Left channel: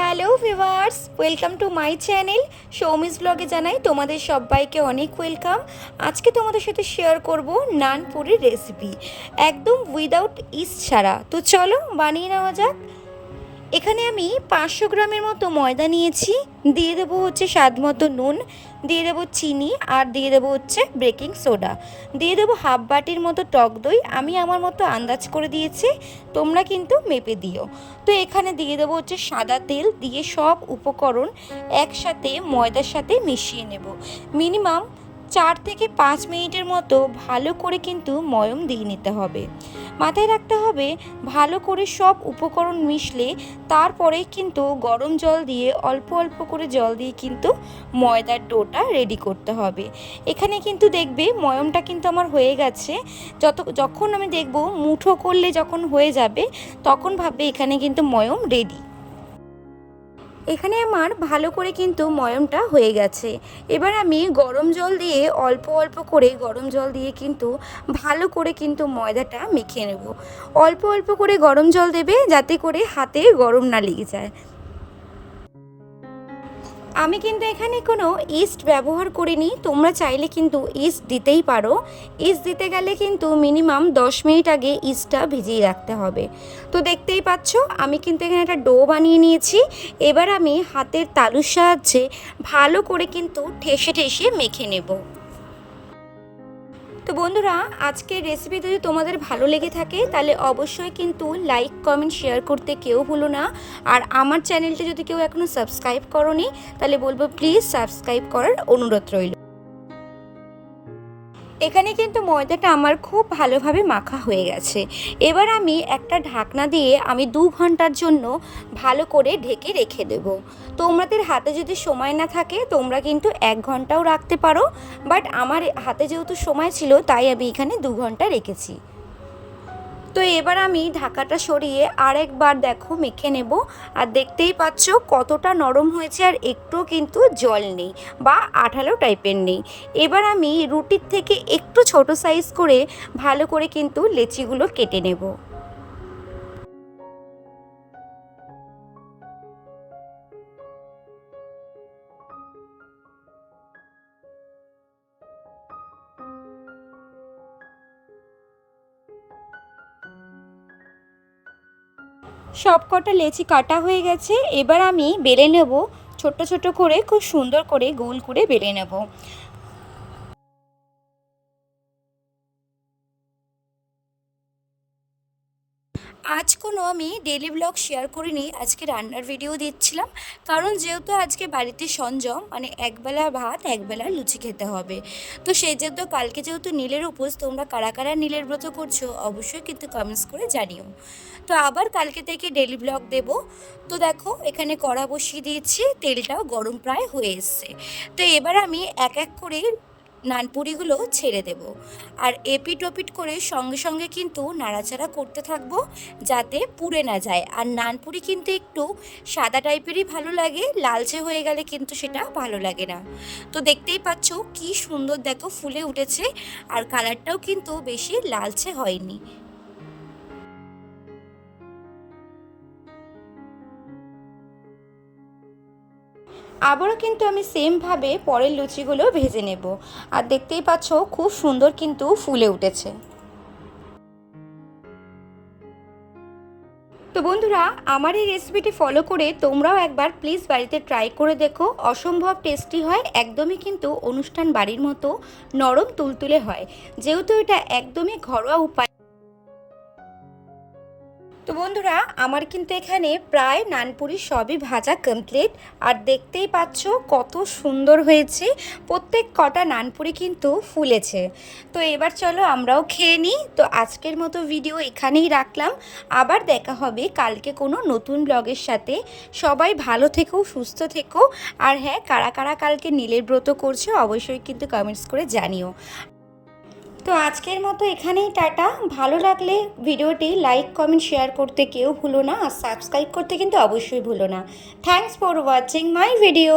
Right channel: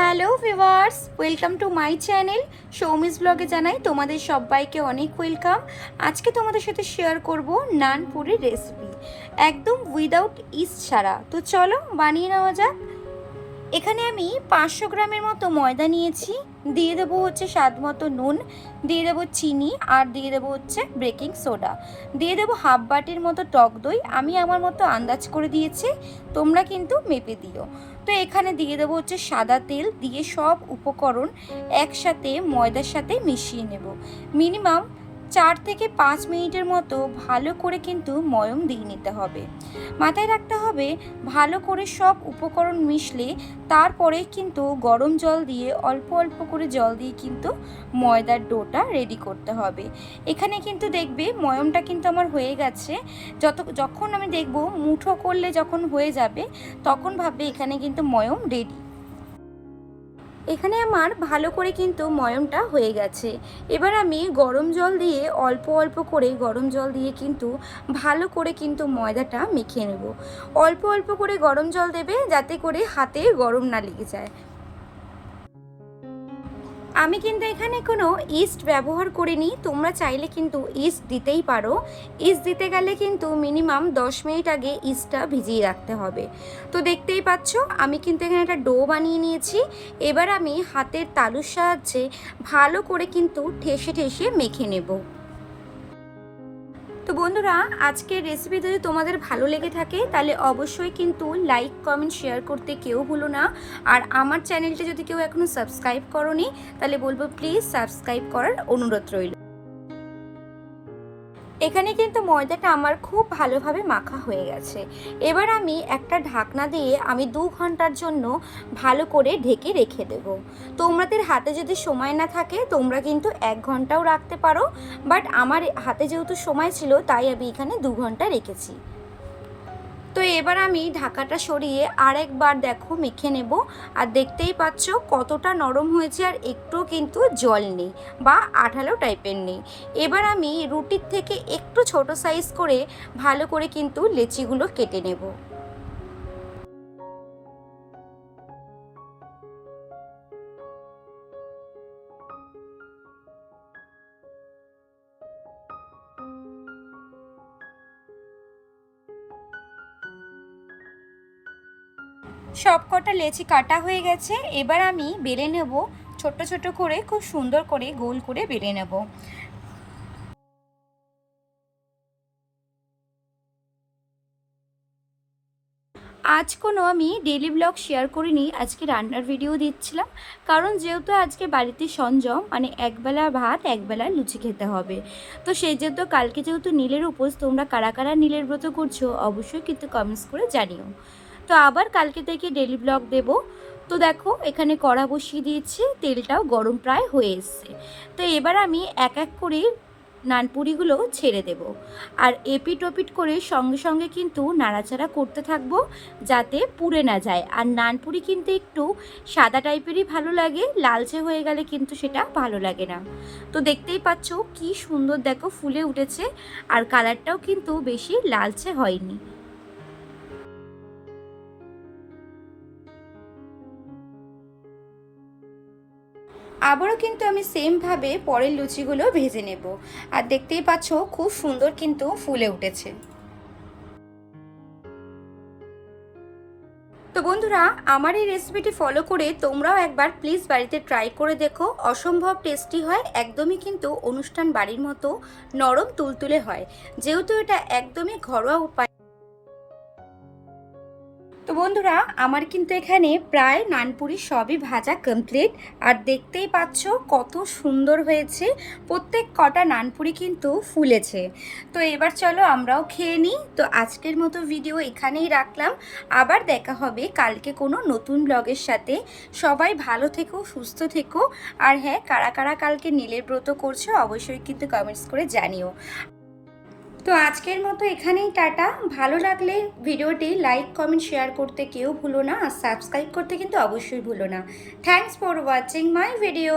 Hello viewers, welcome to my channel Soumi's ব্লগে জানাই তোমাদের সবাইকে অনেক ওয়েলকাম। আজকে তোমাদের সাথে শেয়ার করব নান পুরির রেসিপি, একদম উইদাউট ইস্ট ছাড়া। তো চলো বানিয়ে নেওয়া যাক। এখানে আমি 500 গ্রামের মতো ময়দা নিয়েছি, দিয়ে দেবো হচ্ছে স্বাদ মতো নুন, দিয়ে দেবো চিনি, আর দিয়ে দেবো হচ্ছে বেকিং সোডা, দিয়ে দেবো হাফ বাটির মতো টক দই। আমি আমার মতো আন্দাজ করে দিয়েছি, তোমরা কিন্তু মেপে দিও। তো এখানে দিয়ে দেবো হচ্ছে সাদা তেল, দিয়ে সব উপকরণ একসাথে ময়দার সাথে মিশিয়ে নেব। মিনিমাম 4 থেকে 5 মিনিটের মতো ভালো করে কিন্তু ময়ম দিয়ে নিতে হবে। মাথায় রাখতে হবে ভালো করে সব উপকরণ মিশলে তারপরে কিন্তু গরম জল দিয়ে অল্প অল্প করে জল দিয়ে কিন্তু ময়দার ডোটা রেডি করতে হবে। এখানে কিন্তু দেখবে ময়মটা কিন্তু আমার হয়ে গেছে। যখন আমি দেখব মুঠো করলে যখন হয়ে যাবে তখন ভাববে এখানে কিন্তু ময়ম রেডি। এখানে আমার ভালো করে কিন্তু ময়মটা হয়ে গেছে। এবার আমি গরম জল দিয়ে অল্প অল্প করে গরম জল দিয়ে কিন্তু ভালো করে কিন্তু ময়দাটা মেখে নেব। অল্প অল্প করে গরম জল দেবে যাতে করে হাতে গরম না লেগে যায়। আমি কিন্তু এখানে কোনো ইস্ট ব্যবহার করিনি, তোমরা চাইলে কিন্তু ইস্ট দিতেই পারো। ইস্ট দিতে গেলে কিন্তু মিনিমাম 10 মিনিট আগে ইস্টটা ভিজিয়ে রাখতে হবে। তো দেখতেই পাচ্ছ আমি কিন্তু এখানে একটা ডো বানিয়ে নিয়েছি। এবার আমি হাতের তালুর সাহায্যে ভালো করে কিন্তু ঠেসে ঠেসে মেখে নেব। তো বন্ধুরা, আজকের রেসিপি যদি তোমাদের ভালো লেগে থাকে তাহলে অবশ্যই কিন্তু লাইক কমেন্ট শেয়ার করতে কেউ ভুলো না। আর আমার চ্যানেলটা যদি কেউ এখনও সাবস্ক্রাইব করোনি তাহলে বলবো প্লিজ সাবস্ক্রাইব করার অনুরোধ রইল। এখানে কিন্তু ময়দাটা আমার খুব ভালোভাবে মাখা হয়ে গেছে। এবার আমি একটা ঢাকনা দিয়ে আমি 2 ঘন্টার জন্য ভালো করে ঢেকে রেখে দেব। তোমাদের হাতে যদি সময় না থাকে তোমরা কিন্তু 1 ঘন্টাও রাখতে পারো, বাট আমার হাতে যেহেতু সময় ছিল তাই আমি এখানে 2 ঘন্টা রেখেছি। তো এবার আমি ঢাকাটা সরিয়ে আরেকবার দেখো মেখে নেব। আর দেখতেই পাচ্ছ কতটা নরম হয়েছে, আর একটুও কিন্তু জল নেই বা আঠালো টাইপের নেই। এবার আমি রুটির থেকে একটু ছোট সাইজ করে ভালো করে কিন্তু লেচিগুলো কেটে নেব। সব কটা লেচি কাটা হয়ে গেছে। এবার আমি বেলে নেব, ছোট ছোট করে খুব সুন্দর করে গোল করে বেলে নেব। আজ কোনো আমি ডেলি ব্লগ শেয়ার করিনি, আজকে রান্নার ভিডিও দিচ্ছিলাম। কারণ যেহেতু আজকে বাড়িতে সঞ্জম, মানে একবেলা ভাত একবেলা লুচি খেতে হবে। তো সেই যেহেতু কালকে যেহেতু নীলের উপোস, তোমরা কারা কারা নীলের ব্রত করছো অবশ্যই কিন্তু কমেন্টস করে জানিও। তো আবার কালকে থেকে ডেলি ব্লগ দেব। তো দেখো এখানে কড়া বসিয়ে দিয়েছি, তেলটাও গরম প্রায় হয়ে এসছে। তো এবার আমি এক এক করে নানপুরিগুলো ছেড়ে দেব। আর এপিট ওপিট করে সঙ্গে সঙ্গে কিন্তু নাড়াচাড়া করতে থাকবো যাতে পুড়ে না যায়। আর নানপুরি কিন্তু একটু সাদা টাইপেরই ভালো লাগে, লালচে হয়ে গেলে কিন্তু সেটা ভালো লাগে না। তো দেখতেই পাচ্ছ কি সুন্দর দেখো ফুলে উঠেছে, আর কালারটাও কিন্তু বেশি লালচে হয়নি। আবারও কিন্তু আমি সেমভাবে পরের লুচিগুলো ভেজে নেব। আর দেখতেই পাচ্ছ খুব সুন্দর কিন্তু ফুলে উঠেছে। তো বন্ধুরা, আমার এই রেসিপিটি ফলো করে তোমরাও একবার প্লিজ বাড়িতে ট্রাই করে দেখো। অসম্ভব টেস্টি হয়, একদমই কিন্তু অনুষ্ঠান বাড়ির মতো নরম তুলতুলে হয়, যেহেতু এটা একদমই ঘরোয়া উপায়। তো বন্ধুরা, আমার কিন্তু এখানে প্রায় নানপুরি সবই ভাজা কমপ্লিট। আর দেখতেই পাচ্ছ কত সুন্দর হয়েছে, প্রত্যেক কটা নানপুরি কিন্তু ফুলেছে। তো এবার চলো আমরাও খেয়ে নিই। তো আজকের মতো ভিডিও এখানেই রাখলাম, আবার দেখা হবে কালকে কোনো নতুন ব্লগের সাথে। সবাই ভালো থেকো, সুস্থ থেকো। আর হ্যাঁ, কারা কারা কালকে নীলের ব্রত করছো অবশ্যই কিন্তু কমেন্টস করে জানিও। তো আজকের মতো এখানেই টাটা। ভালো লাগলে ভিডিওটি লাইক কমেন্ট শেয়ার করতে কেউ ভুলো না, আর সাবস্ক্রাইব করতে কিন্তু অবশ্যই ভুলো না। Thanks for watching my video.